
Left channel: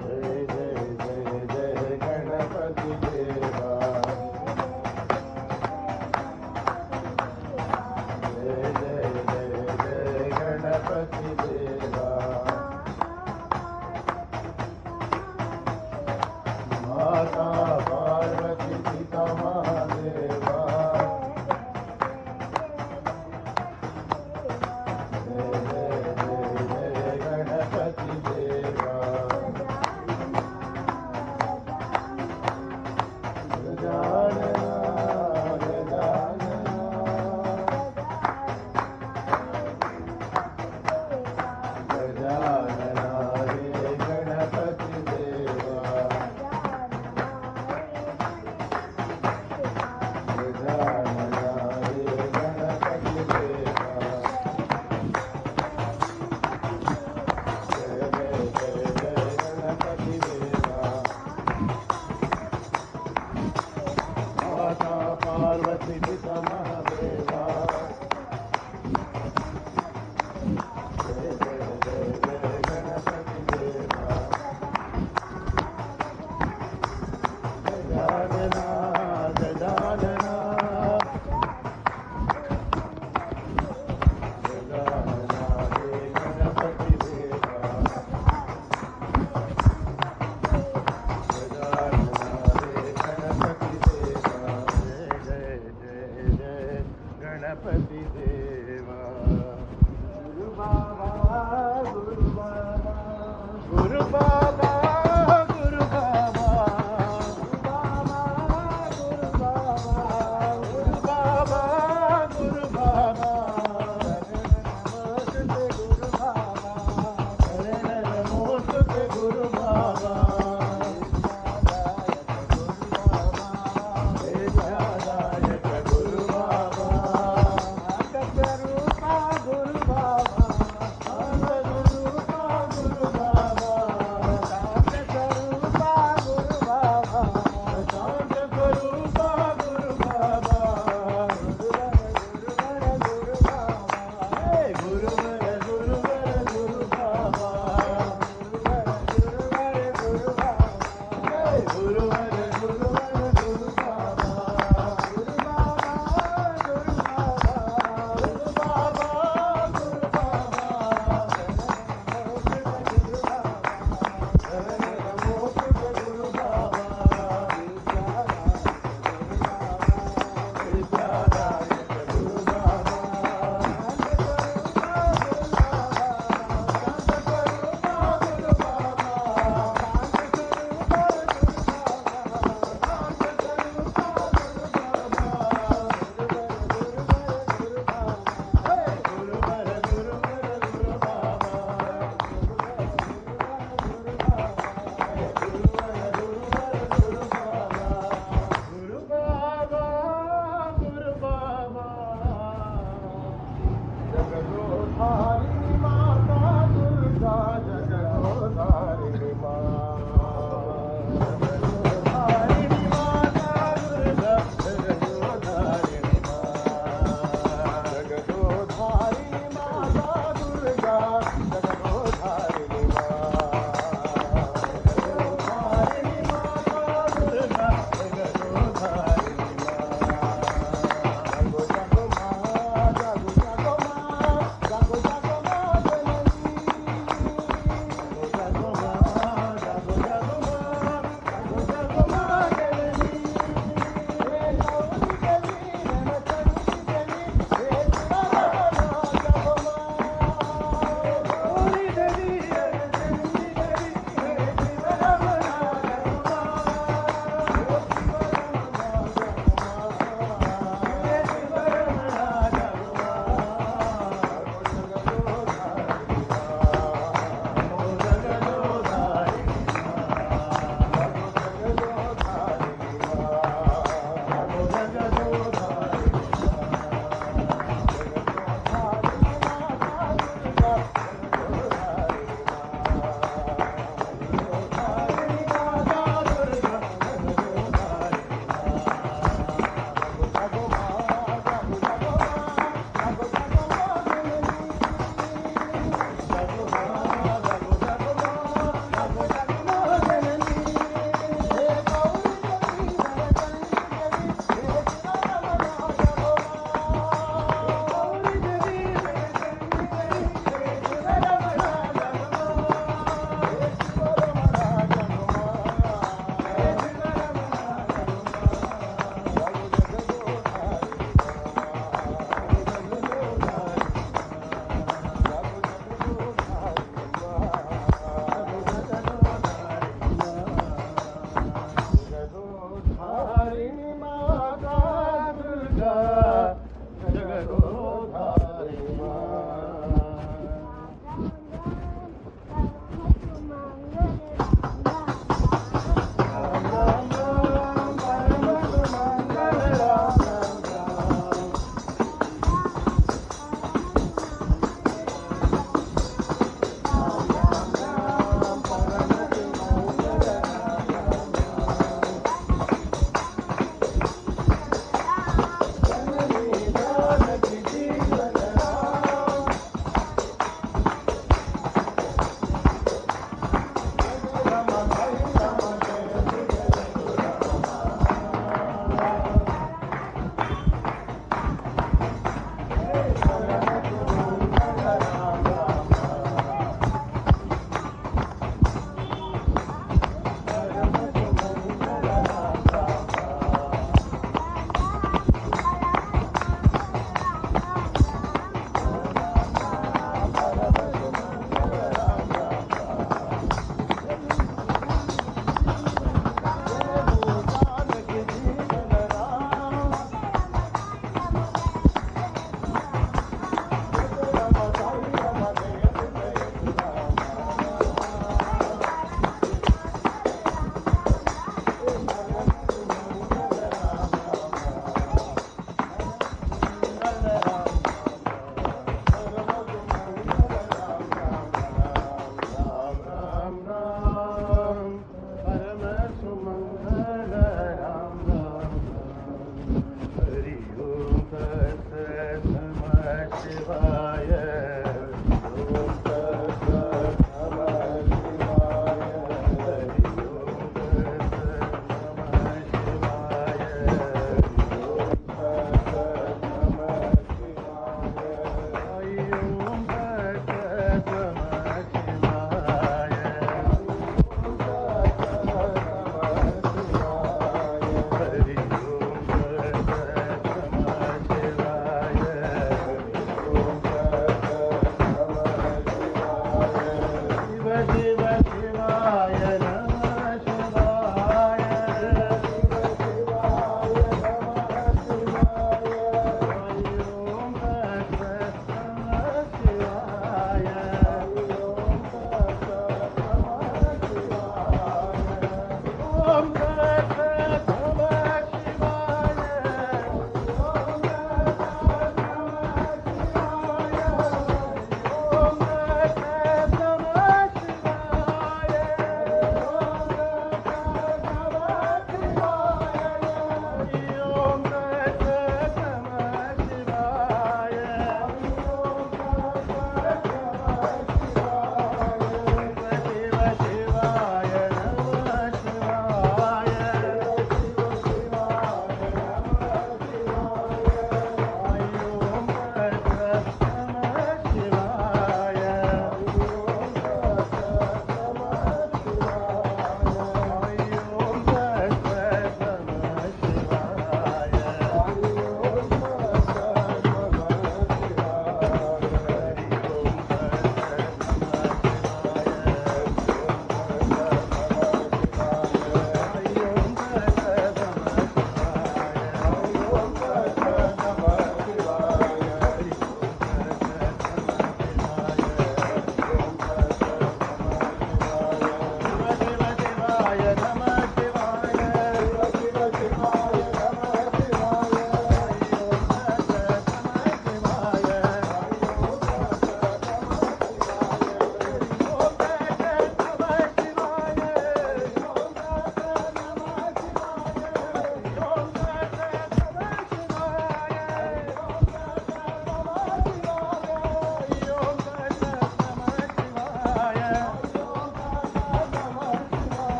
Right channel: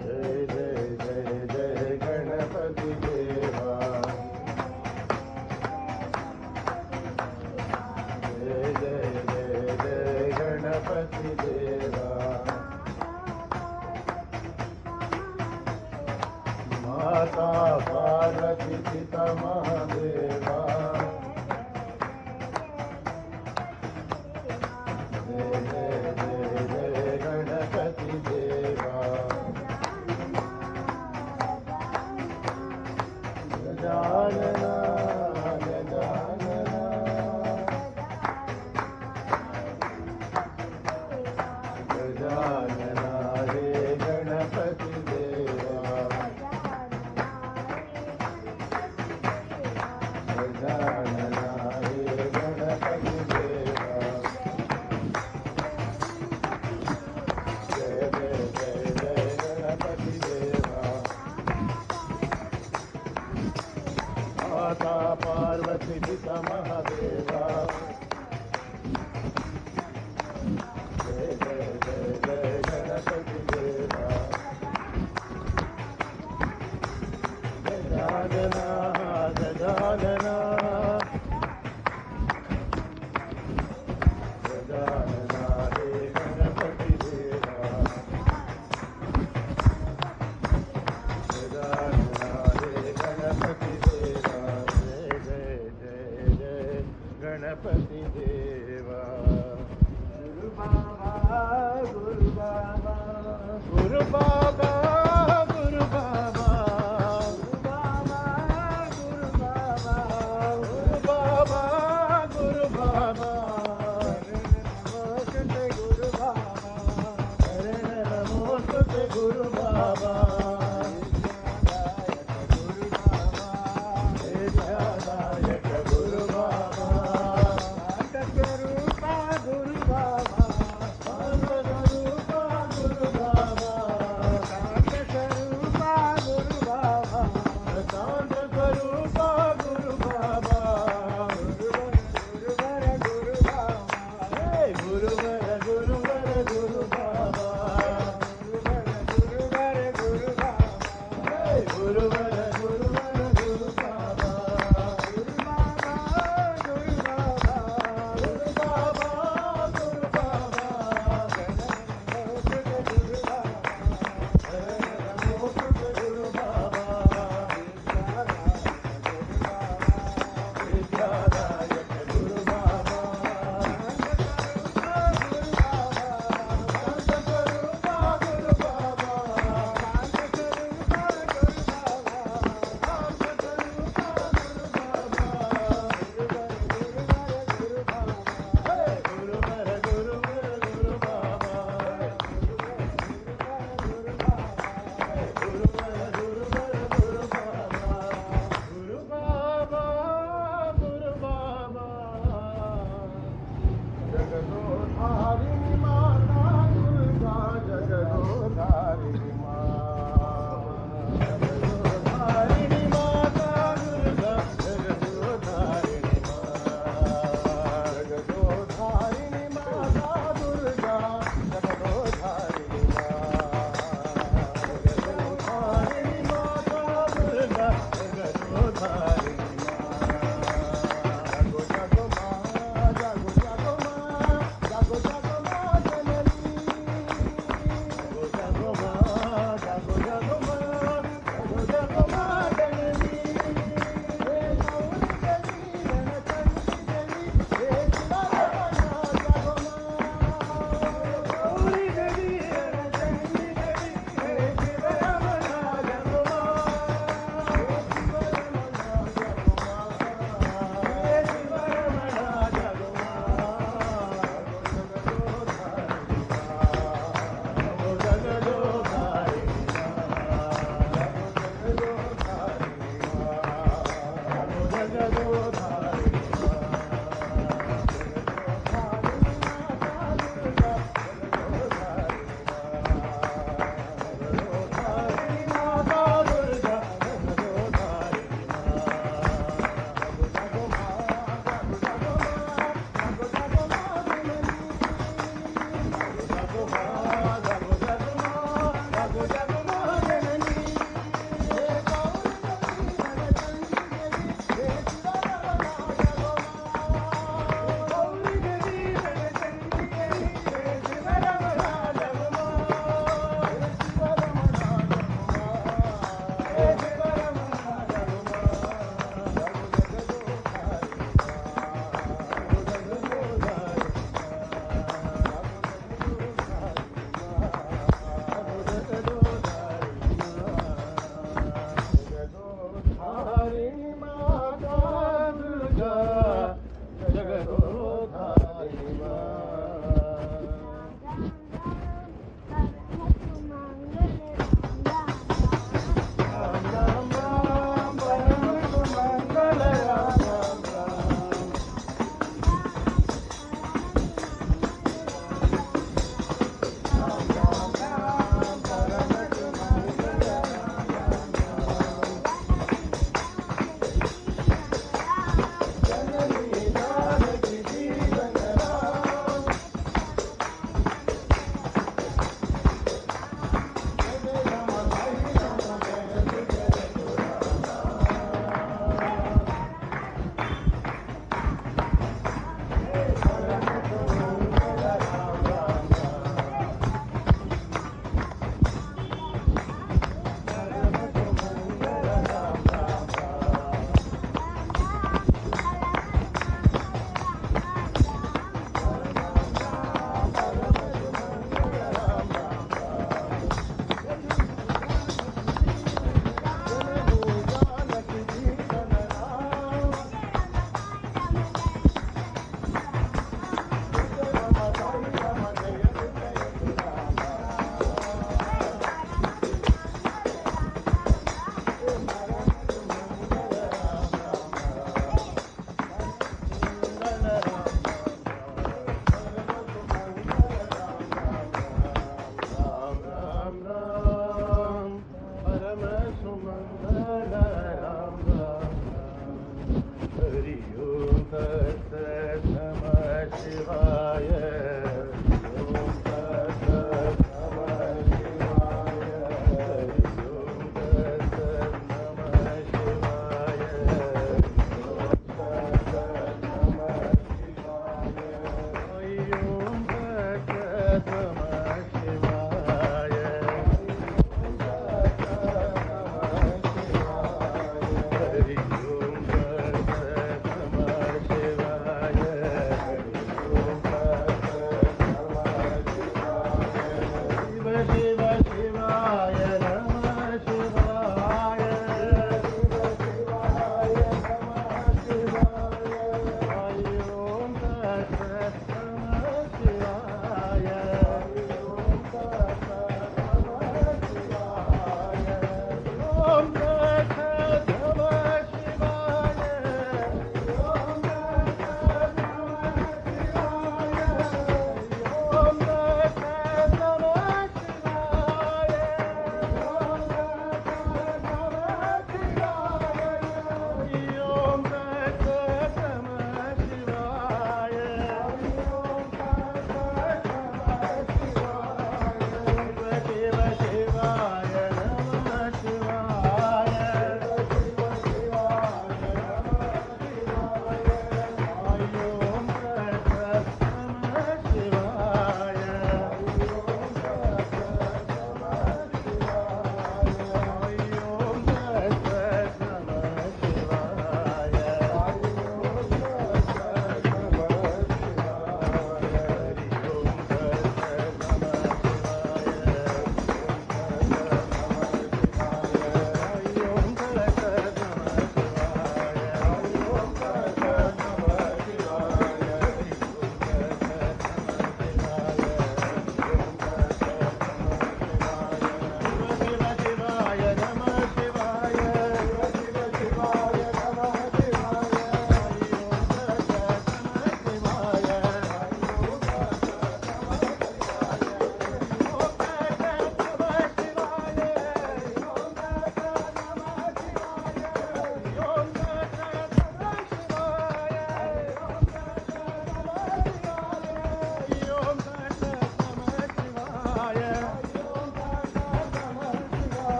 जय जय जय जय गणपति देवा. जय जय जय जय गणपति देवा. माता पार्वती पिता महादेवा. जय जय जय जय गणपति देवा. गजानना गजानना गजानना हे गणपति देवा.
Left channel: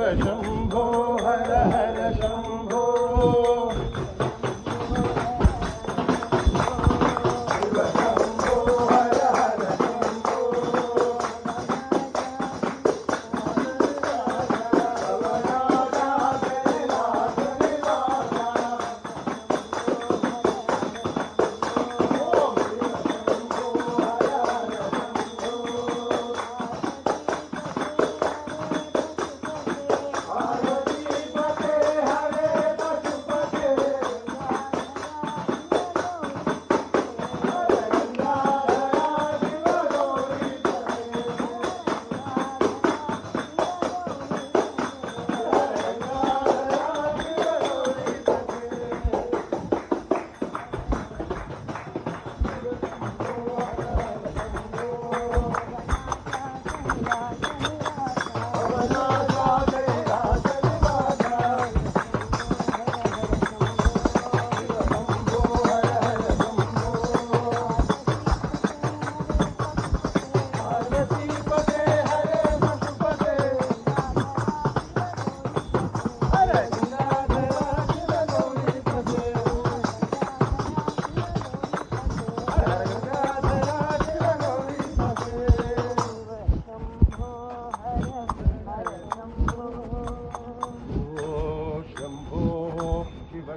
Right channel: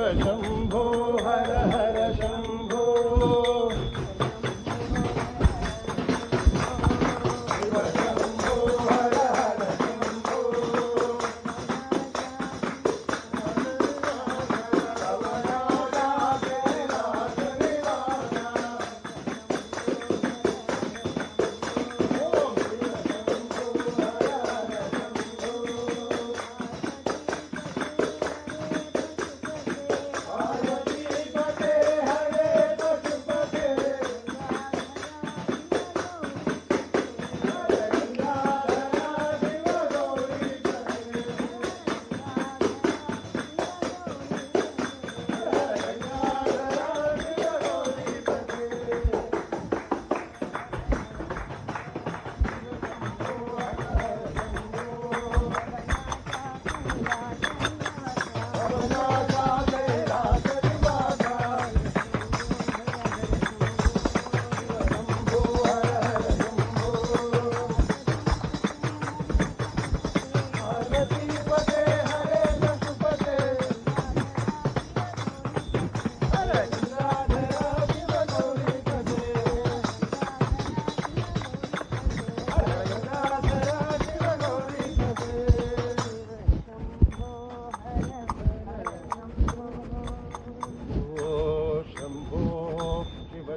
శంభో హర హర శంభో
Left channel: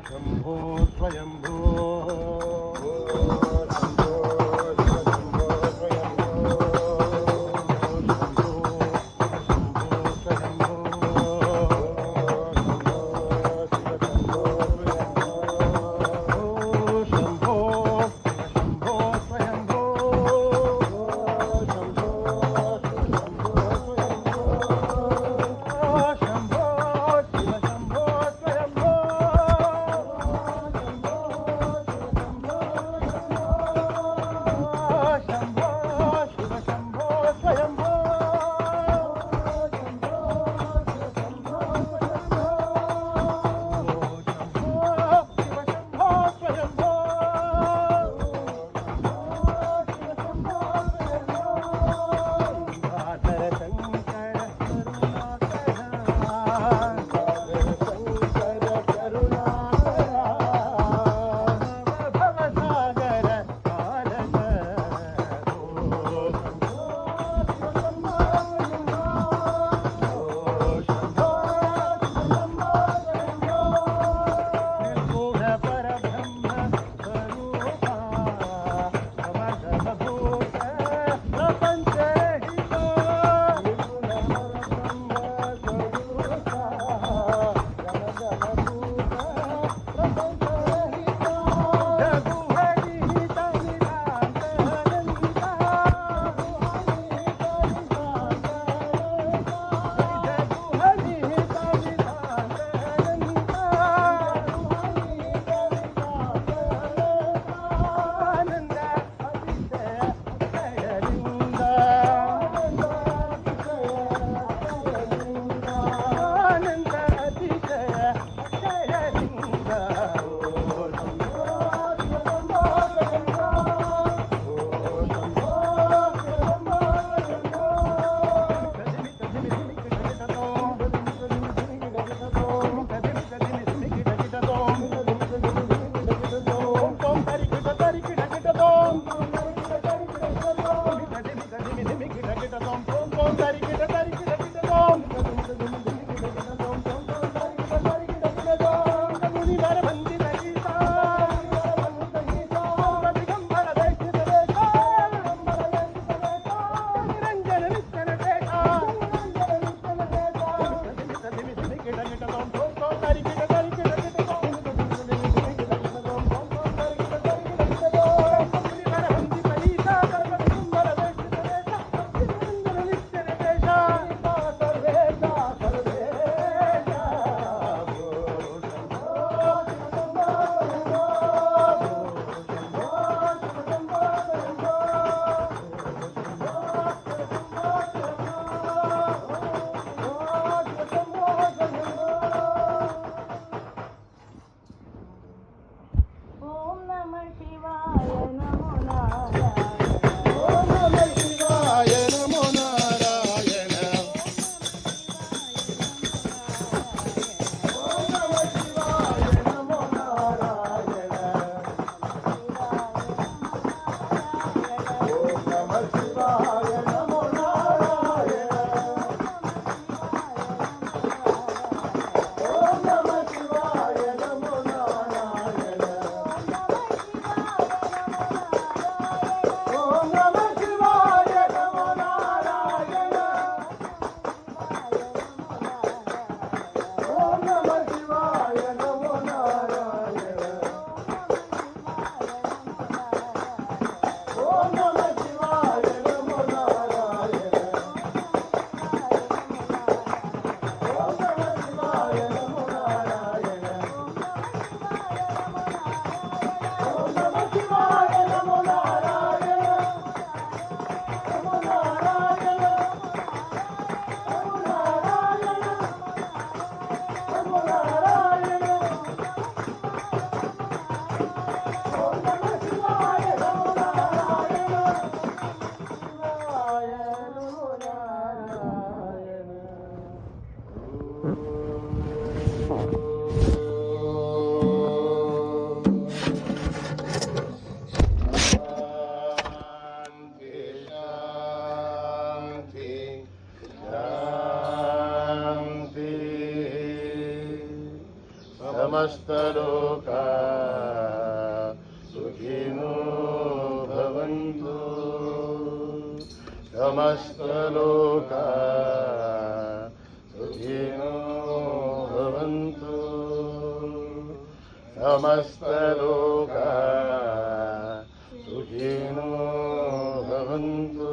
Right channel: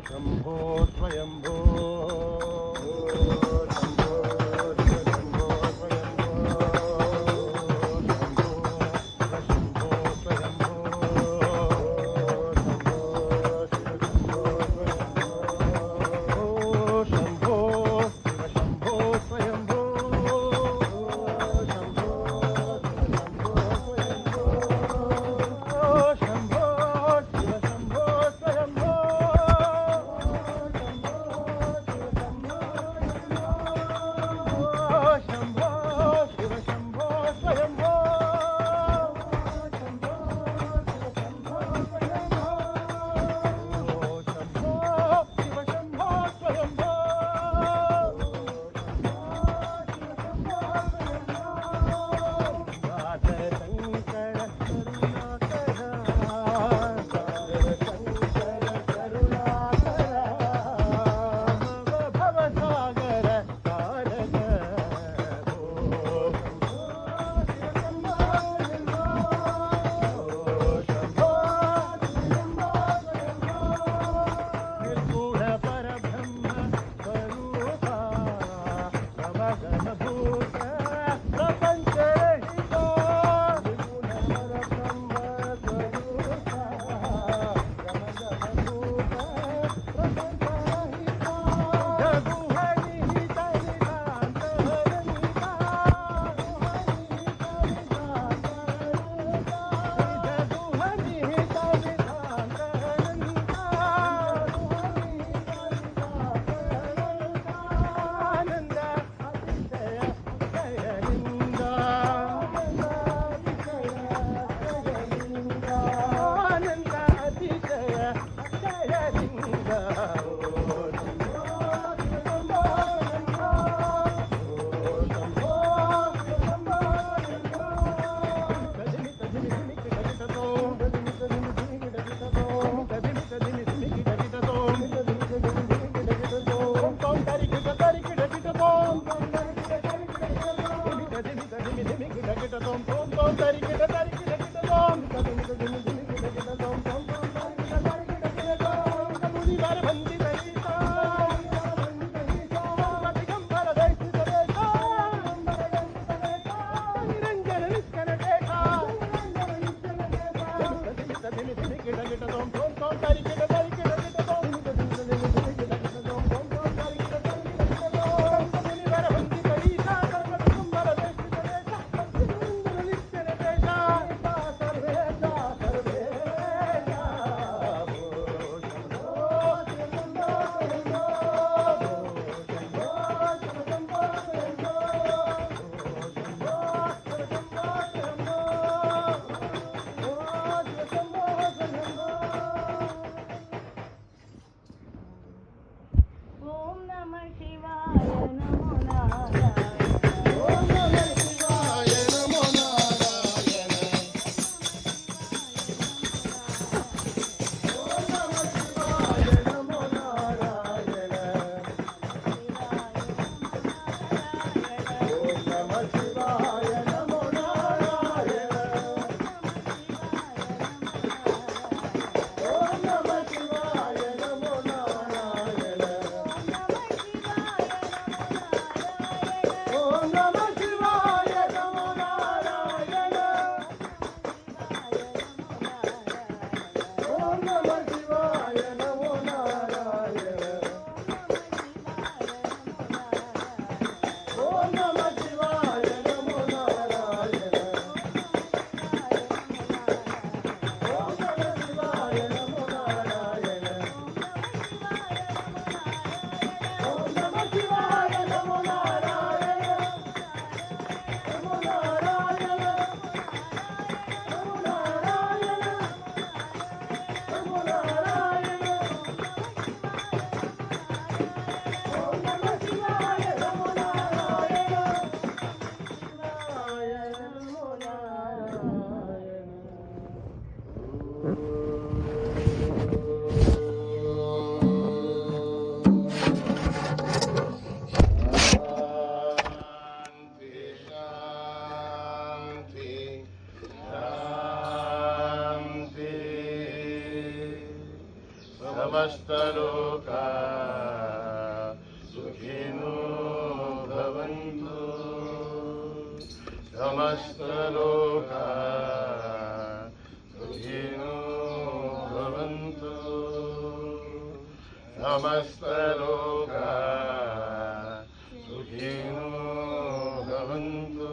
శంభో స్వయంభో समस्तलोका सुखिनो भवन्तु समस्तलोका सुखिनो भवन्तु समस्तलोका सुखिनो भवन्तु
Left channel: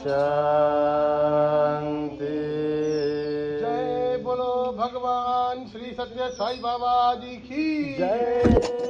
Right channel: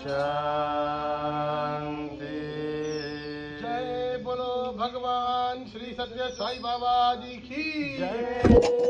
शांति। जय बोलो भगवान श्री सत्य साई बाबा जी की जय।